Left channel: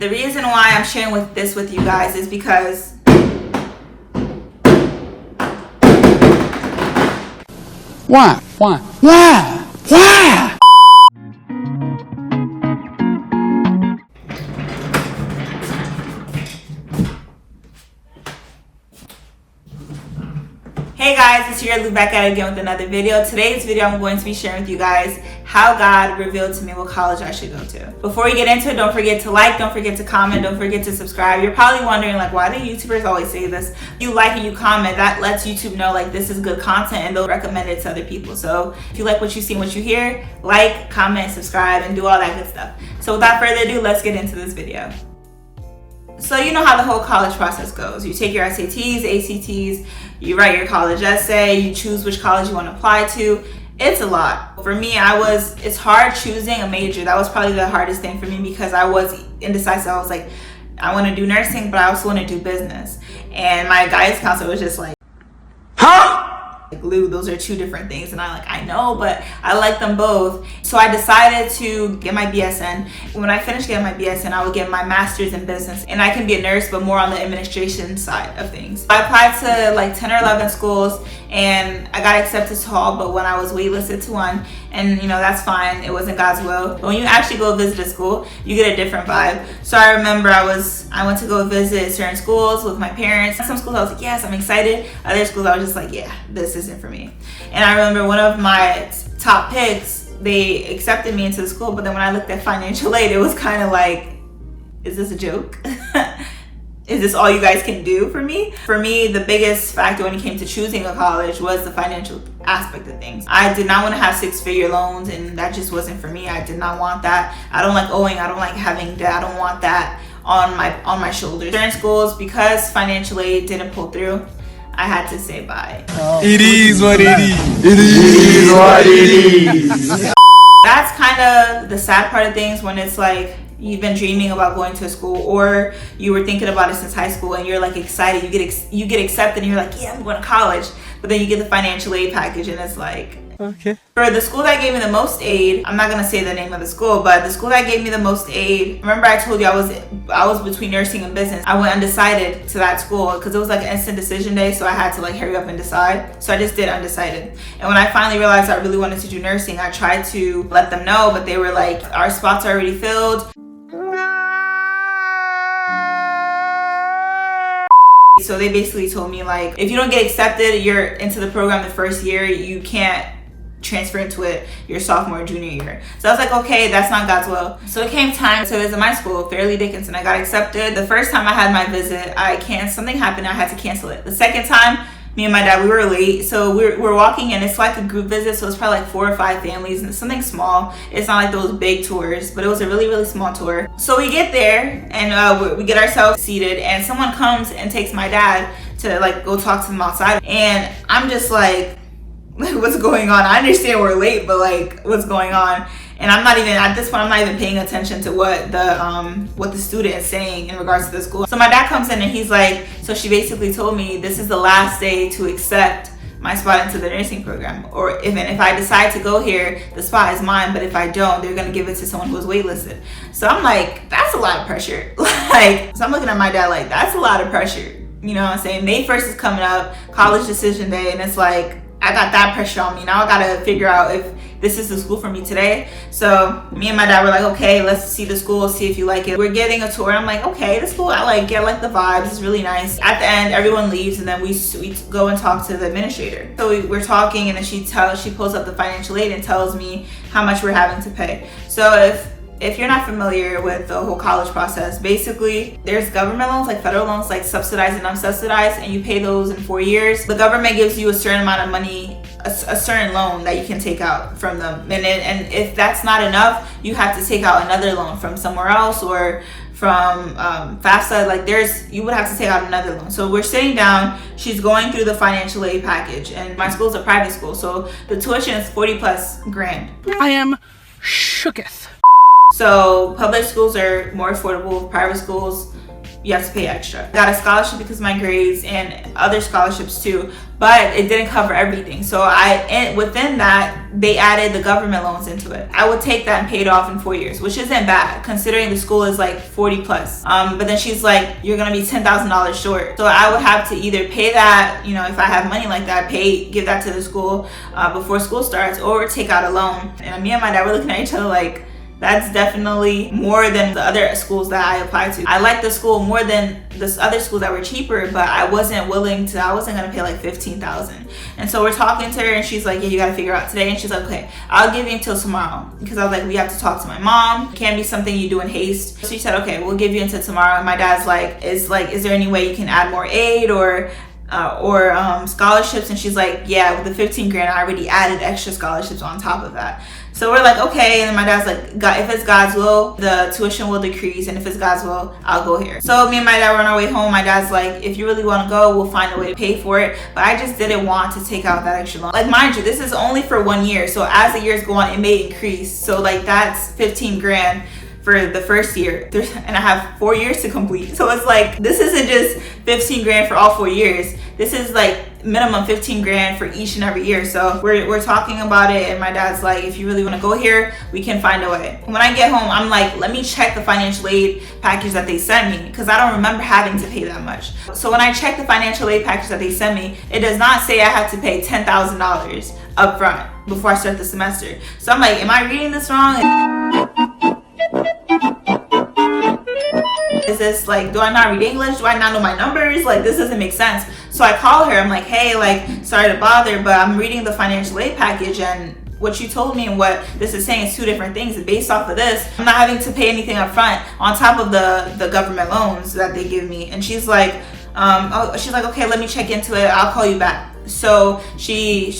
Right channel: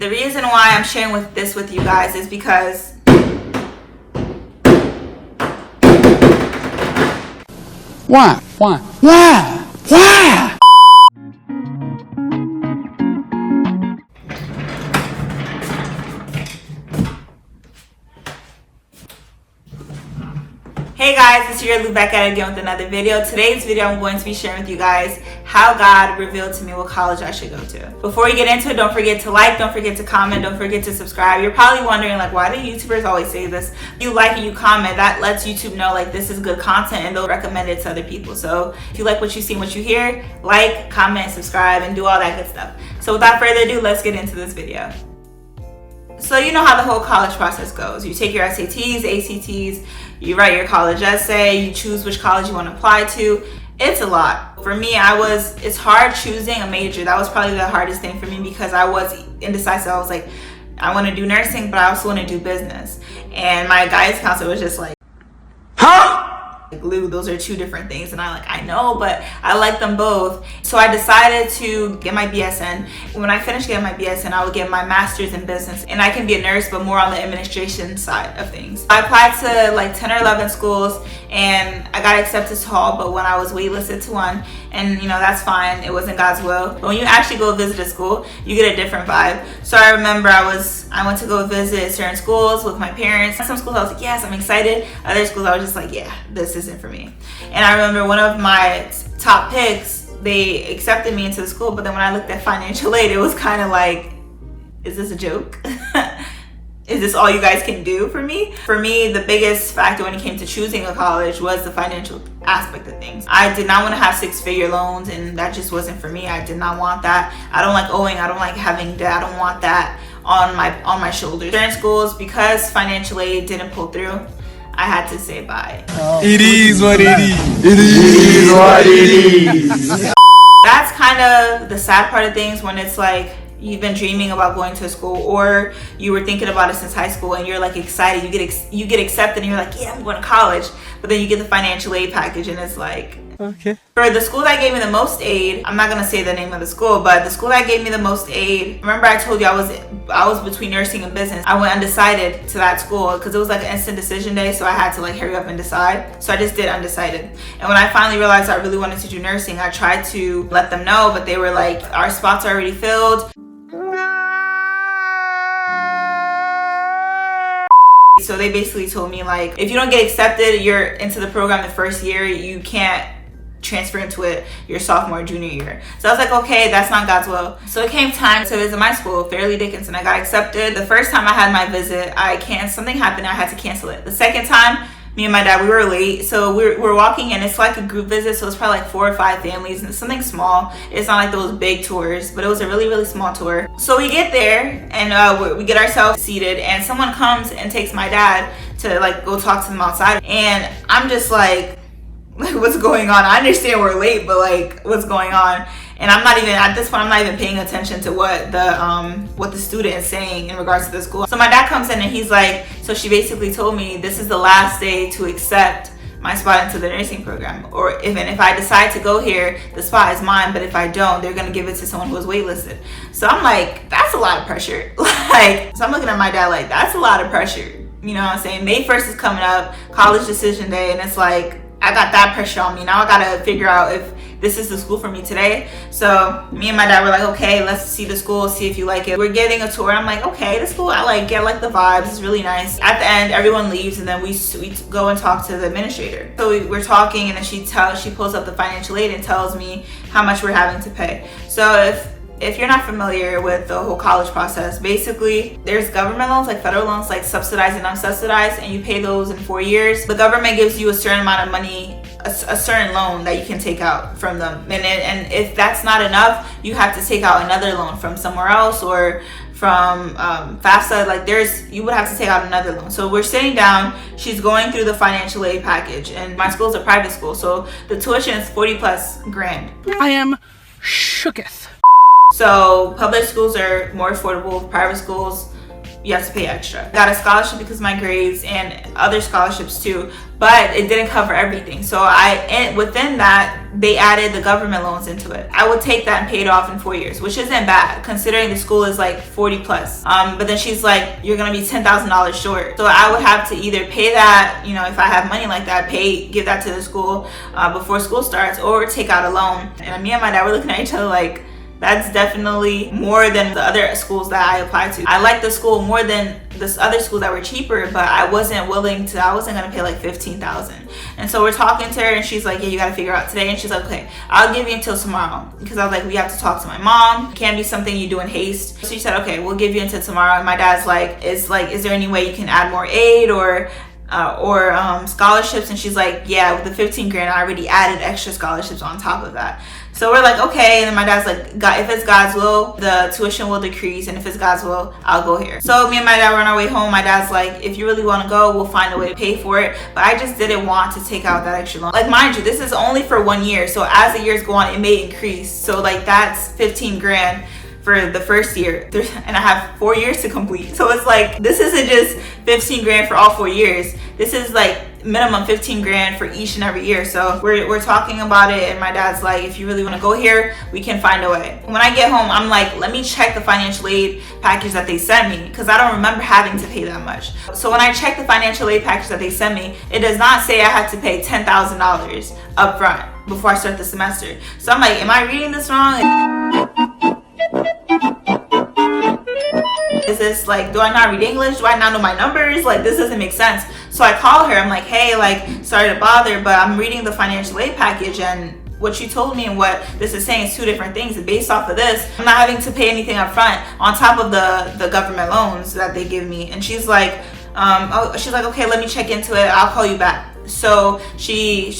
The reason why I'm sharing this with you guys is because Why? Hey guys, it's your Lou back at it again with another video. Today's video I'm going to be sharing with you guys how God revealed to me what college I should go to. Before we get into it, don't forget to like, don't forget to comment, don't forget to subscribe. You're probably wondering like, why do YouTubers always say this? You like and you comment, that lets YouTube know like this is good content and they'll recommend it to other people. So if you like what you see and what you hear, like, comment, subscribe, and do all that good stuff. So without further ado, let's get into this video. So you know how the whole college process goes. You take your SATs, ACTs, you write your college essay, you choose which college you want to apply to. It's a lot. For me, it's hard choosing a major. That was probably the hardest thing for me because I was indecisive. I was like, I want to do nursing, but I also want to do business. And my guidance counselor was just like, Lou, those are two different things. And I know, but I like them both. So I decided to get my BSN. When I finished getting my BSN, I would get my master's in business, and I can be a nurse, but more on the administration side of things. I applied to like 10 or 11 schools and I got accepted to all but when I was waitlisted to one. And you know, that's fine. It wasn't God's will. But when you actually go visit a school, you get a different vibe. So I remember I went to go visit certain schools with my parents. Some schools I was like, yes, I'm excited. Other schools I was just like, yeah, this isn't for me. And I remember one of my top picks, they accepted me into the school, but then when I looked at financial aid, it was kind of like, is this a joke? Is this all you guys can do for me? For me, the biggest factor when it came to choosing a college was the financial aspect of things. I did not want to have six-figure loans, and that just wasn't for me. I did not want that. I don't like owing. I don't like having debt. I don't want that on my shoulders. Certain schools, because financial aid didn't pull through, I had to say bye. It is what it is. It is what it is. That's kind of the sad part of things when it's like, you've been dreaming about going to a school, or you were thinking about it since high school and you're like excited, you get accepted and you're like, yeah, I'm going to college, but then you get the financial aid package and it's like, okay. For the school that gave me the most aid, I'm not going to say the name of the school, but the school that gave me the most aid, remember I told you I was between nursing and business. I went undecided to that school because it was like an instant decision day, so I had to like hurry up and decide. So I just did undecided. And when I finally realized I really wanted to do nursing, I tried to let them know, but they were like, our spots are already filled. So they basically told me like, if you don't get accepted, you're into the program the first year, you can't transfer into it your sophomore or junior year. So I was like, okay, that's not God's will. So it came time to visit my school, Fairleigh Dickinson. I got accepted. The first time I had my visit, something happened, I had to cancel it. The second time, me and my dad, we were late, so we're walking and it's like a group visit, so it's probably like 4 or 5 families, and it's something small. It's not like those big tours, but it was a really, really small tour. So we get there and we get ourselves seated, and someone comes and takes my dad to like go talk to them outside, and I'm just like, what's going on? I understand we're late, but like, what's going on? And I'm not even, at this point, I'm not even paying attention to what the student is saying in regards to the school. So my dad comes in and he's like, so she basically told me this is the last day to accept my spot into the nursing program. Or if I decide to go here, the spot is mine, but if I don't, they're gonna give it to someone who was waitlisted. So I'm like, that's a lot of pressure. Like, so I'm looking at my dad like, that's a lot of pressure. You know what I'm saying? May 1st is coming up, college decision day, and it's like, I got that pressure on me. Now I gotta figure out if this is the school for me today. So me and my dad were like, okay, let's see the school, see if you like it. We're getting a tour. I'm like, okay, the school, I like the vibes. It's really nice. At the end, everyone leaves, and then we go and talk to the administrator. So we're talking, and then she pulls up the financial aid and tells me how much we're having to pay. So if you're not familiar with the whole college process, basically there's government loans, like federal loans, like subsidized and unsubsidized, and you pay those in 4 years. The government gives you a certain amount of money, a certain loan that you can take out from them. And if that's not enough, you have to take out another loan from somewhere else, or from FAFSA, like you would have to take out another loan. So we're sitting down, she's going through the financial aid package, and my school is a private school, so the tuition is 40+ grand. I am shooketh. So public schools are more affordable, private schools you have to pay extra. Got a scholarship because of my grades and other scholarships too, but it didn't cover everything. So within that, they added the government loans into it. I would take that and pay it off in 4 years, which isn't bad considering the school is like 40 plus. But then she's like, you're gonna be $10,000 short. So I would have to either pay that, you know, if I have money like that, give that to the school before school starts, or take out a loan. And me and my dad were looking at each other like, that's definitely more than the other schools that I applied to. I liked the school more than this other schools that were cheaper, but I wasn't gonna pay like $15,000. And so we're talking to her and she's like, yeah, you gotta figure out today. And she's like, okay, I'll give you until tomorrow. Because I was like, we have to talk to my mom. It can't be something you do in haste. So she said, okay, we'll give you until tomorrow. And my dad's like, is there any way you can add more aid or scholarships? And she's like, yeah, with the 15 grand, I already added extra scholarships on top of that. So we're like, okay. And then my dad's like, if it's God's will, the tuition will decrease. And if it's God's will, I'll go here. So me and my dad were on our way home. My dad's like, if you really want to go, we'll find a way to pay for it. But I just didn't want to take out that extra loan. Like, mind you, this is only for 1 year. So as the years go on, it may increase. So like that's 15 grand for the first year, and I have 4 years to complete. So it's like, this isn't just 15 grand for all 4 years. This is like minimum 15 grand for each and every year. So we're talking about it, and my dad's like, if you really want to go here, we can find a way. When I get home, I'm like, let me check the financial aid package that they sent me, because I don't remember having to pay that much. So when I check the financial aid package that they sent me, it does not say I have to pay $10,000 up front before I start the semester. So I'm like, am I reading this wrong? Is this like, do I not read English? Do I not know my numbers? Like, this doesn't make sense. So I call her. I'm like, hey, like, sorry to bother, but I'm reading the financial aid package, and what you told me and what this is saying is two different things. And based off of this, I'm not having to pay anything up front on top of the government loans that they give me. And she's like, she's like, okay, let me check into it. I'll call you back. So she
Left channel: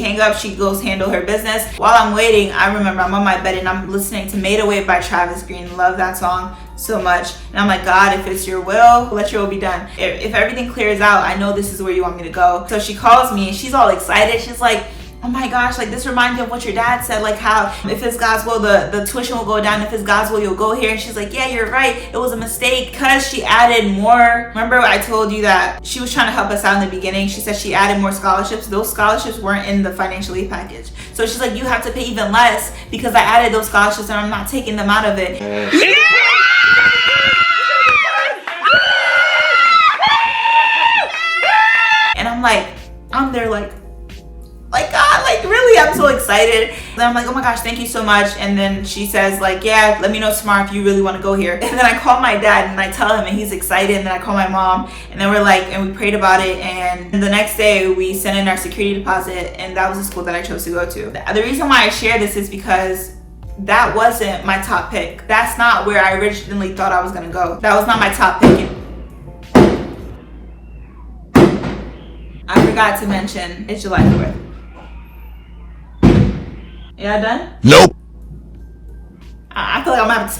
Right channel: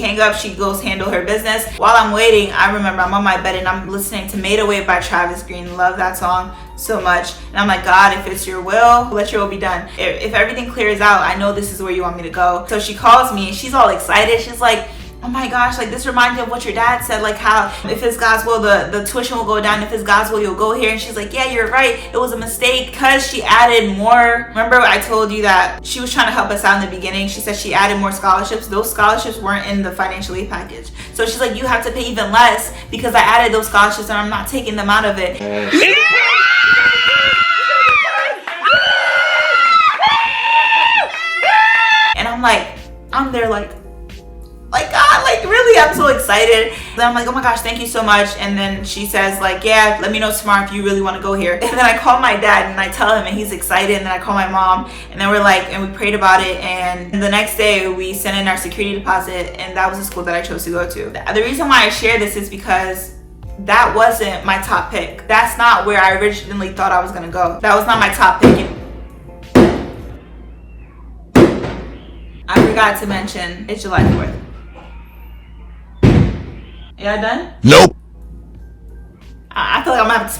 hang up, she goes handle her business. While I'm waiting, I remember I'm on my bed and I'm listening to Made Away by Travis Green. Love that song so much. And I'm like, God, if it's your will, let your will be done. If everything clears out, I know this is where you want me to go. So she calls me and she's all excited. She's like, oh my gosh, like, this reminds me of what your dad said, like how if it's God's will, the tuition will go down. If it's God's will, you'll go here. And she's like, yeah, you're right. It was a mistake because she added more. Remember I told you that she was trying to help us out in the beginning? She said she added more scholarships. Those scholarships weren't in the financial aid package. So she's like, you have to pay even less because I added those scholarships and I'm not taking them out of it. And I'm there like, God, like, really, I'm so excited. And I'm like, oh my gosh, thank you so much. And then she says like, yeah, let me know tomorrow if you really want to go here. And then I call my dad and I tell him, and he's excited. And then I call my mom, and then we're like, and we prayed about it. And the next day we sent in our security deposit, and that was the school that I chose to go to. The reason why I share this is because that wasn't my top pick. That's not where I originally thought I was gonna go. That was not my top pick. I forgot to mention it's July 4th. Y'all done? Nope. I feel like I'm gonna have to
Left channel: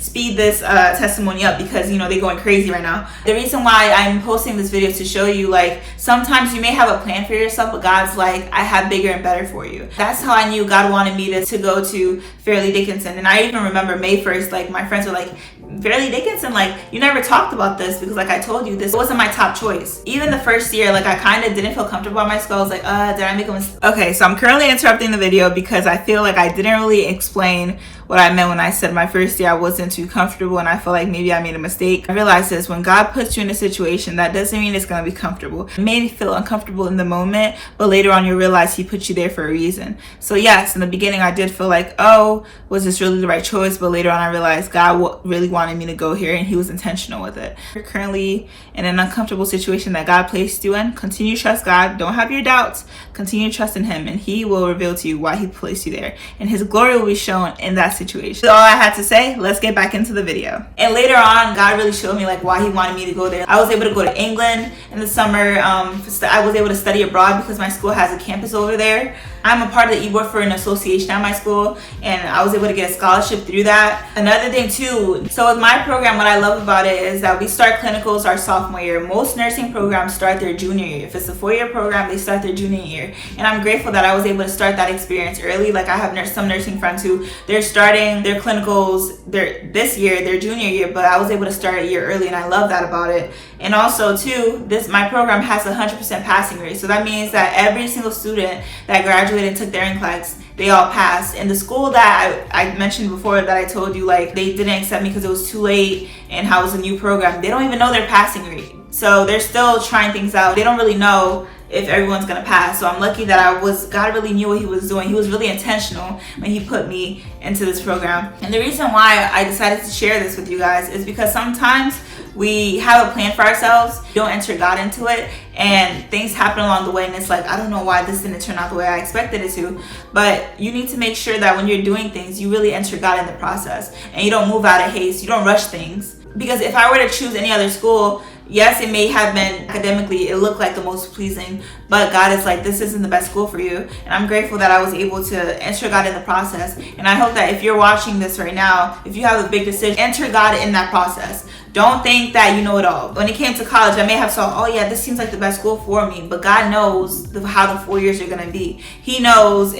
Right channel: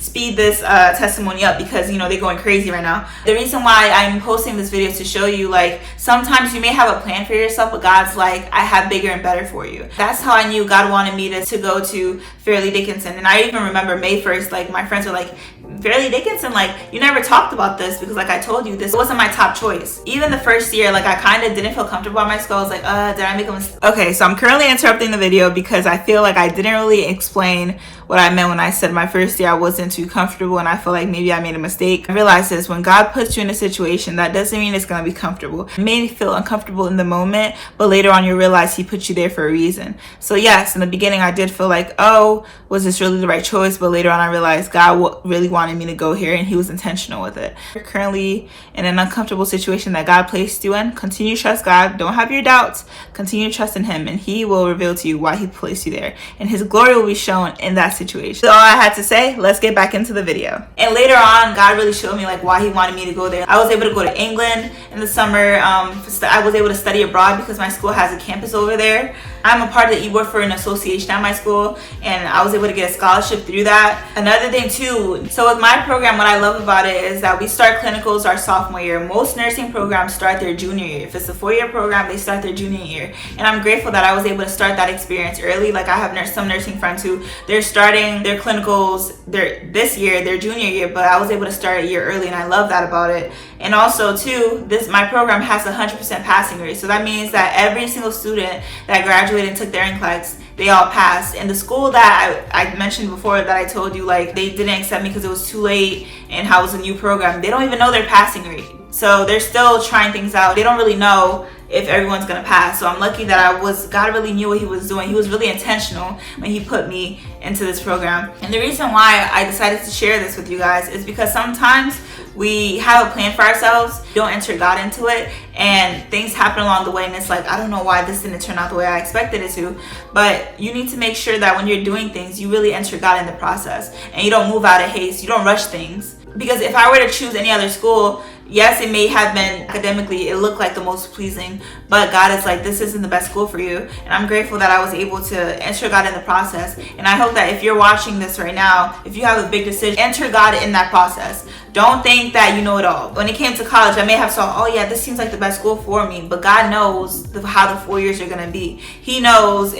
speed this testimony up because, you know, they're going crazy right now. The reason why I'm posting this video is to show you, like, sometimes you may have a plan for yourself, but God's like, I have bigger and better for you. That's how I knew God wanted me to go to Fairleigh Dickinson. And I even remember May 1st, like, my friends were like, Fairleigh Dickinson, like, you never talked about this, because like I told you, this wasn't my top choice. Even the first year, like, I kind of didn't feel comfortable at my school. I was like, did I make a mistake? Okay, so I'm currently interrupting the video because I feel like I didn't really explain what I meant when I said my first year I wasn't too comfortable, and I feel like maybe I made a mistake. I realized this: when God puts you in a situation, that doesn't mean it's going to be comfortable. It may feel uncomfortable in the moment, but later on you realize he put you there for a reason. So yes, in the beginning I did feel like, oh, was this really the right choice? But later on I realized God really wanted me to go here, and he was intentional with it. You're currently in an uncomfortable situation that God placed you in. Continue to trust God. Don't have your doubts. Continue to trust in him, and he will reveal to you why he placed you there, and his glory will be shown in that situation. That's all I had to say. Let's get back into the video. And later on, God really showed me like why he wanted me to go there. I was able to go to England in the summer. I was able to study abroad because my school has a campus over there. I'm a part of the e-board for an association at my school, and I was able to get a scholarship through that. Another thing too, so with my program, what I love about it is that we start clinicals our sophomore year. Most nursing programs start their junior year. If it's a 4-year program, they start their junior year. And I'm grateful that I was able to start that experience early. Like I have some nursing friends who they're starting their clinicals this year, their junior year, but I was able to start a year early, and I love that about it. And also too, my program has 100% passing rate. So that means that every single student that graduated and took their NCLEX, they all passed. And the school that I mentioned before that I told you, like, they didn't accept me because it was too late and how it was a new program, they don't even know their passing rate. So they're still trying things out. They don't really know if everyone's gonna pass. So I'm lucky that God really knew what he was doing. He was really intentional when he put me into this program. And the reason why I decided to share this with you guys is because sometimes we have a plan for ourselves, don't enter God into it, and things happen along the way, and it's like, I don't know why this didn't turn out the way I expected it to. But you need to make sure that when you're doing things, you really enter God in the process, and you don't move out of haste, you don't rush things. Because if I were to choose any other school, yes, it may have been academically, it looked like the most pleasing, but God is like, this isn't the best school for you. And I'm grateful that I was able to enter God in the process. And I hope that if you're watching this right now, if you have a big decision, enter God in that process. Don't think that you know it all. When it came to college, I may have thought, oh yeah, this seems like the best school for me, but God knows how the 4 years are gonna be. He knows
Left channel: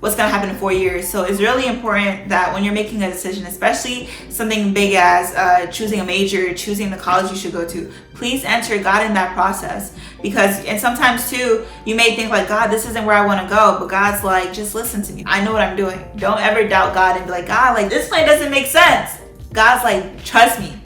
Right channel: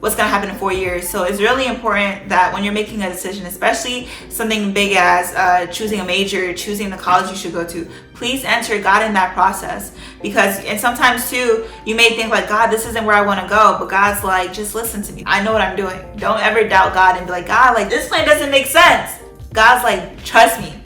what's gonna happen in 4 years. So it's really important that when you're making a decision, especially something big as choosing a major, choosing the college you should go to, please enter God in that process. And sometimes too, you may think like, God, this isn't where I wanna go, but God's like, just listen to me. I know what I'm doing. Don't ever doubt God and be like, God, like this plan doesn't make sense. God's like, trust me,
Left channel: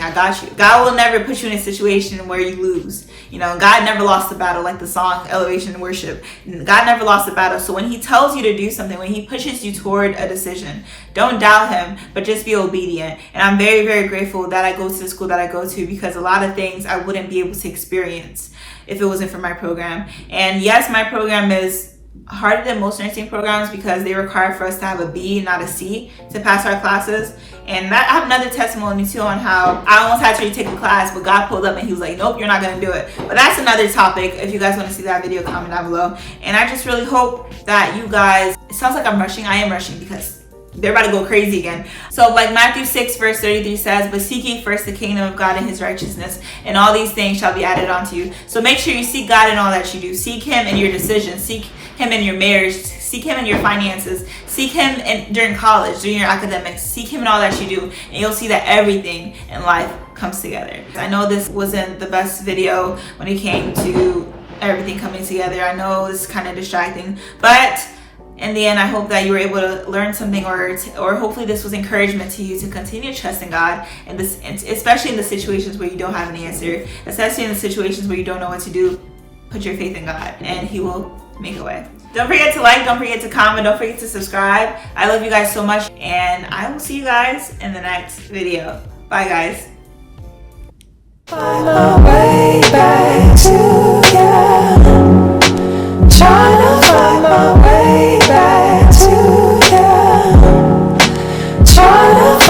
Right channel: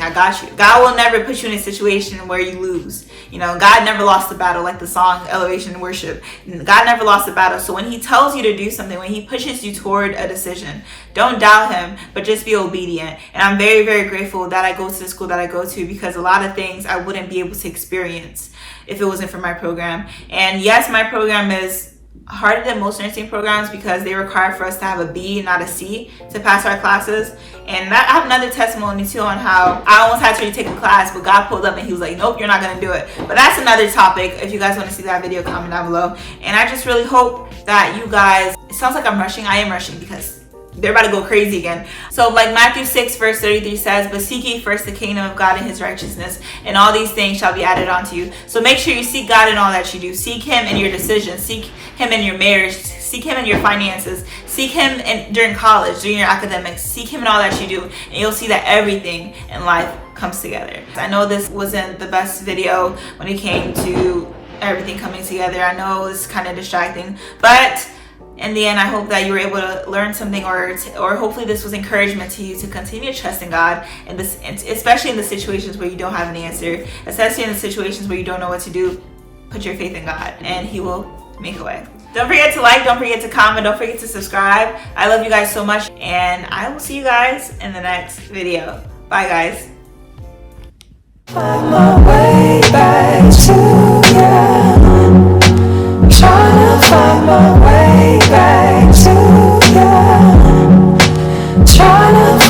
I got you. God will never put you in a situation where you lose. You know, God never lost the battle, like the song Elevation and Worship. God never lost the battle. So when he tells you to do something, when he pushes you toward a decision, don't doubt him, but just be obedient. And I'm very, very grateful that I go to the school that I go to, because a lot of things I wouldn't be able to experience if it wasn't for my program. And yes, my program is harder than most nursing programs because they require for us to have a B, not a C, to pass our classes. And I have another testimony too on how I almost had to retake the class, but God pulled up and he was like, nope, you're not gonna do it. But that's another topic. If you guys want to see that video, comment down below. And I just really hope that you guys, it sounds like I'm rushing. I am rushing because they're about to go crazy again. So like Matthew 6 verse 33 says, but seek ye first the kingdom of God and his righteousness, and all these things shall be added unto you. So make sure you seek God in all that you do. Seek him in your decisions. Seek him in your marriage. Seek him in your finances. Seek him during college, during your academics. Seek him in all that you do, and you'll see that everything in life comes together. I know this wasn't the best video when it came to everything coming together. I know it's kind of distracting, but in the end, I hope that you were able to learn something, or hopefully this was encouragement to you to continue to trust in God, and especially in the situations where you don't have an answer, especially in the situations where you don't know what to do. Put your faith in God, and he will make a way. Don't forget to like, don't forget to comment, don't forget to subscribe. I love you guys so much, and I will see you guys in the next video. Bye, guys. Find my way back to you. Trying to find